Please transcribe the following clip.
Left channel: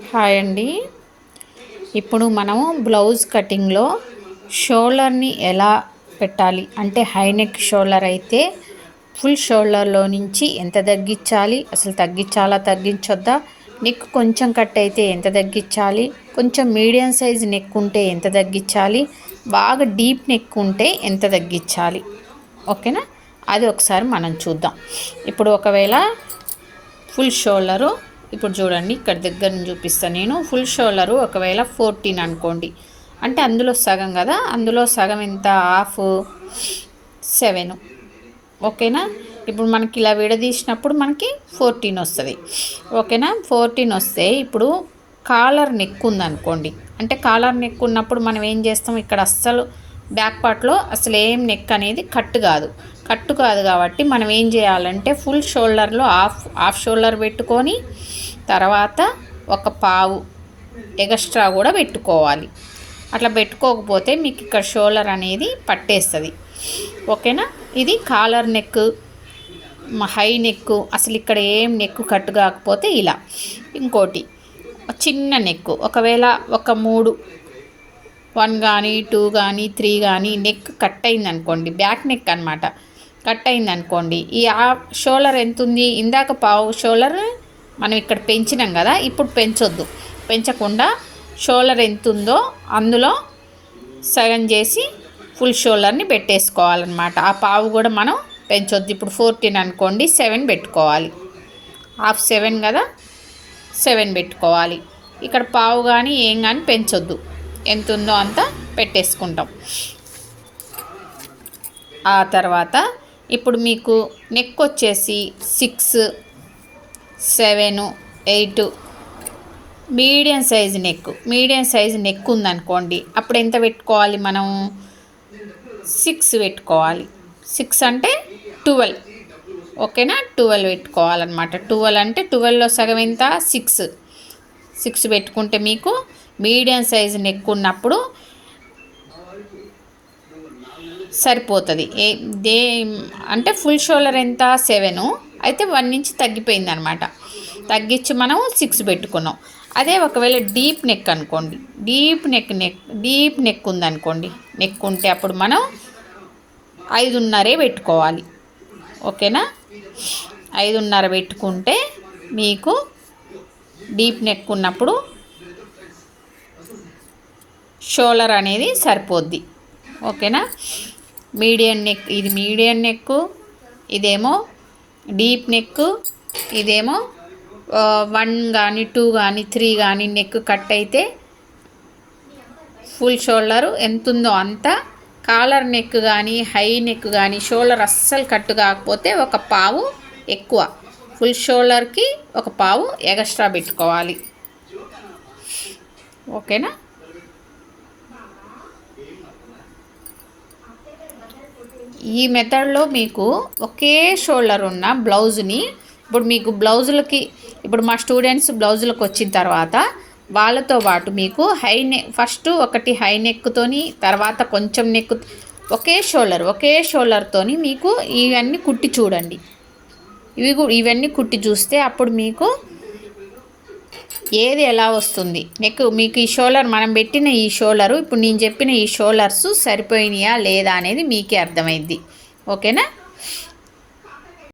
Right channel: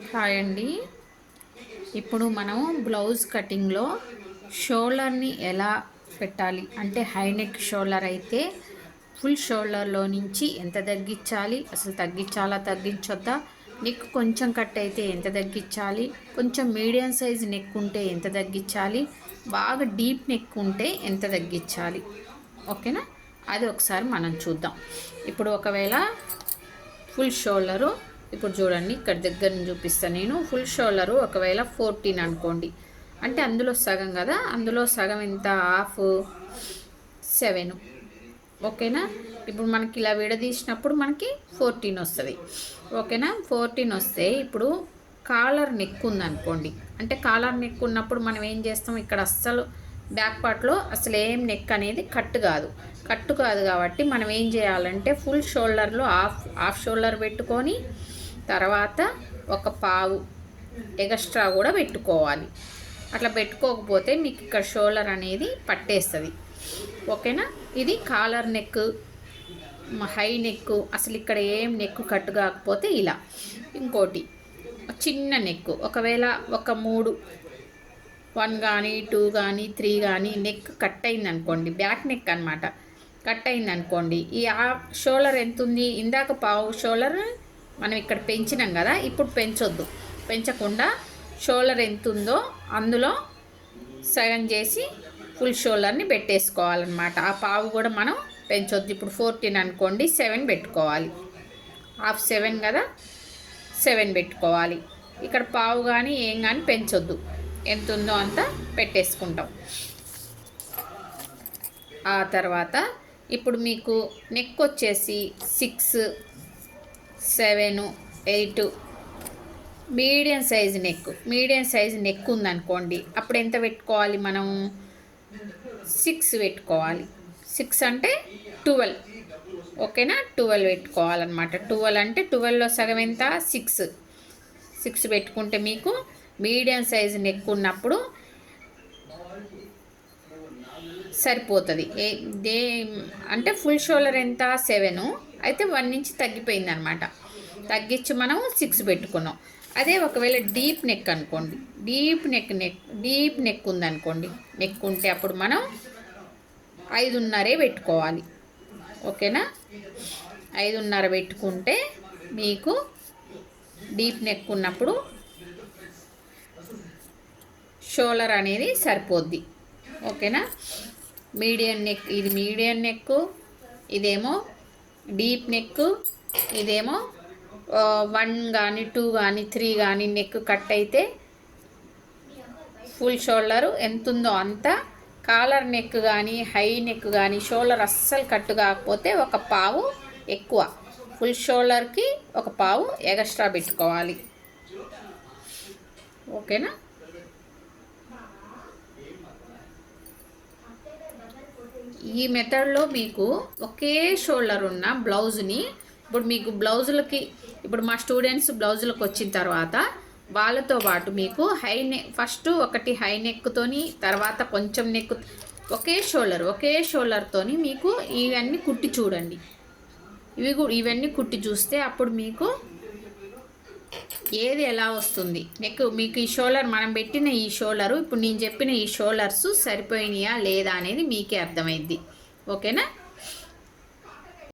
Hi అండి. ఇప్పుడు మనము బ్లౌజ్ కటింగ్లో షోల్డర్ని ఎలా పెట్టాలి అంటే హై నెక్ షోల్డర్ అయితే ఫుల్ షోల్డర్లో నుంచి ఎంత తగ్గించాలి, అసలు తగ్గించాలా తగ్గించొద్దా, నెక్ కొంచెం కట్ అయితే ఎంత తగ్గించాలి, కొంచెం మీడియం సైజ్ నెక్ ఉంటే ఎంత తగ్గించాలి, బాగా డీప్ నెక్ ఉంటే ఎంత తగ్గించాలి, ఓకేనా? అది ఒకసారి మనం చూద్దాం. ఇప్పుడు ఒకవేళ ఫుల్ షోల్డరు ఇప్పుడు చూడండి, ఇక్కడ దగ్గర నుంచి చూపిస్తాను నేను. ఫుల్ షోల్డరు ఒకవేళ 14 అనుకోండి, అంటే అందులో సగం కదా, అందులో సగం ఎంత, హాఫ్ 7, ఓకేనా? ఇప్పుడు మనకి ఇలా విడదీసినప్పుడు మనకి 14 వస్తుంది, ఓకేనా? 14 వస్తే ఇప్పుడు కాలర్ నెక్ ఉందనుకోండి, అంటే కాలర్ నెక్ ఉన్నప్పుడు మనం ఏం చేస్తాం, ఇక్కడ అస్సలు బ్యాక్ పార్ట్లో అసలు ఏం నెక్ అనేది కట్టు కాదు కాబట్టి మనం ఏం చేయాలంటే ఫుల్ షోల్డర్లో హాఫ్ షోల్డర్ పెట్టుకొని తర్వాత ఒక పావు ఎక్స్ట్రా కూడా పెట్టుకోవాలి. అట్లా పెట్టుకోకపోతే మీకు ఇక్కడ షోల్డర్ అనేది పట్టేస్తుంది, ఓకేనా? ఇది కాలర్ నెక్, హై నెక్, అసలు ఇక్కడ ఏం నెక్ కట్టు కాకపోతే ఇలా. ఇంకోటి చిన్న నెక్, ఒకవేళ ఒక 3, 1 కానీ 2 కానీ 3 కానీ నెక్ కట్ అయిందనుకోండి, బ్యాక్ నెక్ అనమాట, కట్ అయిందనుకోండి, ఈ షోల్డర్ ఎంత ఉంది, ఇందాక పావు షోల్డర్ మనం ఇక్కడ పెంచినాం కదా, ఇప్పుడు పెంచొద్దు, పెంచకుండా షోల్డర్ ఎంత ఉందో అందులో సగం చేసి ఫుల్ షోల్డర్ని పెట్టేసుకోవాలన్నమాట. ఆ పావు కూడా మనం పెంచొద్దు. ఇప్పుడు 14 అనుకోండి, 7 పెట్టుకోవాలి, హాఫ్ 7 కదా, 7 పెట్టుకోవాలి. ఇక్కడ పావు కానీ ఏం కానీ పెంచొద్దు, ఎంత ఉందో అంత పెట్టేసుకుంటాం. ఆ తర్వాత ఇప్పుడు మీకు నెక్ వచ్చేసి 6, 7, 8 మీడియం సైజు నెక్ ఉందనుకోండి, అప్పుడు ఎంత పెట్టుకోవాలి మనం, 6 పెట్టుకోవాలి. 6 అంటే 12, ఓకేనా? 12 పెట్టుకోవాలన్నమాట. 12 అంటే 12లో సగం ఎంత, 6 పెట్టుకుంటే మీకు మీడియం సైజు నెక్ ఉన్నప్పుడు సరిపోతుంది. అంటే ఫుల్ షోల్డర్ ఎంత, 7, అయితే 1 ఇంచ్ తగ్గిపోయింది అనమాట, తగ్గించి మనం 6 పెట్టుకున్నాం. అదే ఒకవేళ డీప్ నెక్ అనుకోండి, డీప్ నెక్ ఉందనుకోండి, నెక్ ఉంటే అప్పుడు మనం 5.5 పెట్టుకోవాలి, ఓకేనా? 5.5 పెట్టుకుంటే మీకు డీప్ నెక్ ఉన్నప్పుడు షోల్డర్ అనేది సరిపోద్ది, ఓకేనా? మీడియం నెక్, ఇది మీడియం నెక్, ఇదేమో డీప్ నెక్, ఇదేమో 1 కానీ 2 కానీ 3 కానీ నెక్ కట్ అయితే ఫుల్ షోల్డరు ఎంత ఉందో అంత. కాలర్ నెక్ కానీ హై నెక్ కానీ షోల్డర్ అస్సలు కట్టు కాకపోతే ఒక పావు ఎక్కువ, ఫుల్ షోల్డర్కి ఒక పావు ఎక్స్ట్రా పెట్టుకోవాలి, ఓకేనా? ఈ మెథడ్లో మీకు ఒకే షోల్డర్ ఉన్న బ్లౌజ్ని, ఇప్పుడు మీకు బ్లౌజులకి, ఇప్పుడు మా స్టూడెంట్స్ బ్లౌజులకు వచ్చిన తర్వాత వాళ్ళతో పాటు మీకు హై నెక్, ఫస్ట్ ఒకటి హై నెక్తోని, తర్వాత కొంచెం నెక్, ఒకే షోల్డర్తోని మీకు ఇవన్నీ కుట్టి చూడండి. ఇవన్నీ కుట్టి చూస్తే అప్పుడు మీకు ఏది ఎలా వస్తుంది నెక్, మీకు ఈ షోల్డర్, మనం పెట్టిన ఈ షోల్డరు, ఇప్పుడు నేను చెప్పిన ఈ షోల్డర్స్ సరిపోయినాయా లేదా అనేది మీకే అర్థమైద్ది, ఓకేనా?